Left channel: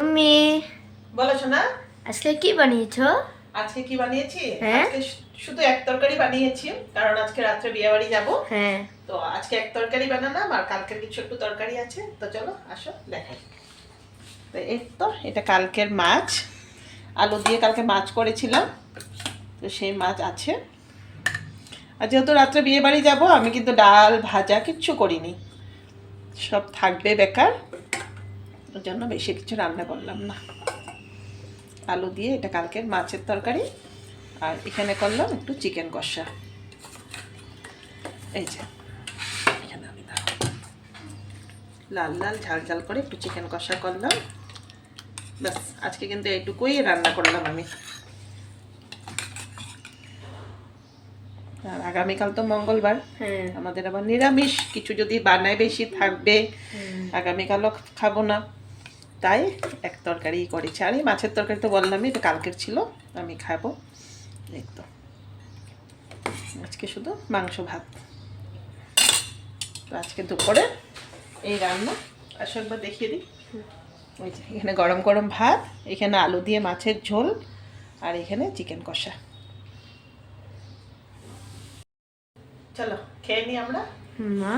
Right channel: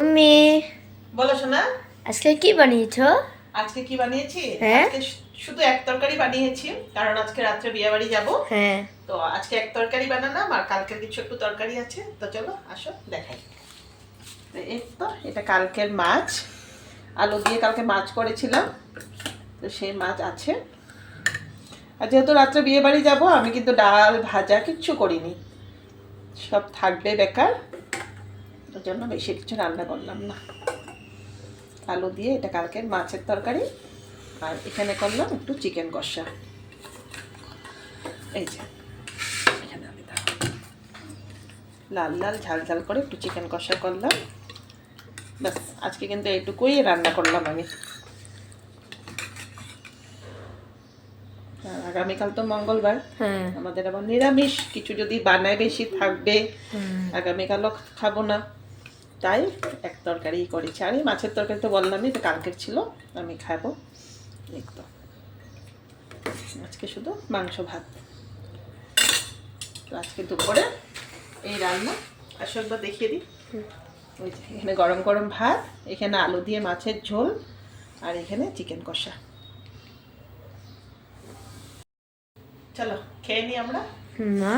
আমি বলো শোনা, আজকে কি বানিয়েছো? আজকে কি বানিয়েছি? হ্যাঁ। আজকে শুধু এক তরকারি বানিয়েছি, কারণ আজকে রাত্রে বিয়ে বাড়ি যাবো। হ্যাঁ। তো আজকে এক তরকারি বানালাম, আর কালকের কিছু একটু তরকারি আছে। তো চলো আসো দেখাই। তো এই তো এটা কালকের মাছ, আলু দিয়ে কালকে মাছ করেছিলাম, তো সেই মাছ আছে। আর যেহেতু রাত্রে বিয়ে বাড়ি যাবো, আমি কিন্তু ডাল ভাজা কিচ্ছু করিনি, সব থাকবে বেকার, ওর জন্য বেশি কিছু রান্না করলাম না। আলু দিয়ে এটা কালকের মাছের তরকারি, আর এখানে করলাম একটু চিকেন কষা। এই যে এখানে আমি লাল লাল ঝাল ঝাল করে একটু চিকেন কষা করলাম। ব্যাস, আজকে কিন্তু এইটুকুই রান্না করলাম আমি। আর আগামীকাল তো মঙ্গলবার, হ্যাঁ। আমাদের আবার নিরামিষ কিছু যদি বানায় বেশি থাকবে, আগামীকালও খাবো না, তাই এক তরকারি করেছি। আর এই মাছের তরকারি তো বললামই, এটা কালকের ছিল, আমি খাবো। একদম আজকে শুধু মাংস ভাত। তো আজকে দুপুরে এই রান্না। আসো একবার দেখিয়ে দিই। ওই যে এখানে গরম গরম ভাত, এখানে আলু দিয়ে মাছের ঝোল, আর এখানে চিকেন কষা। চলো খেয়ে নিই আমরা। মা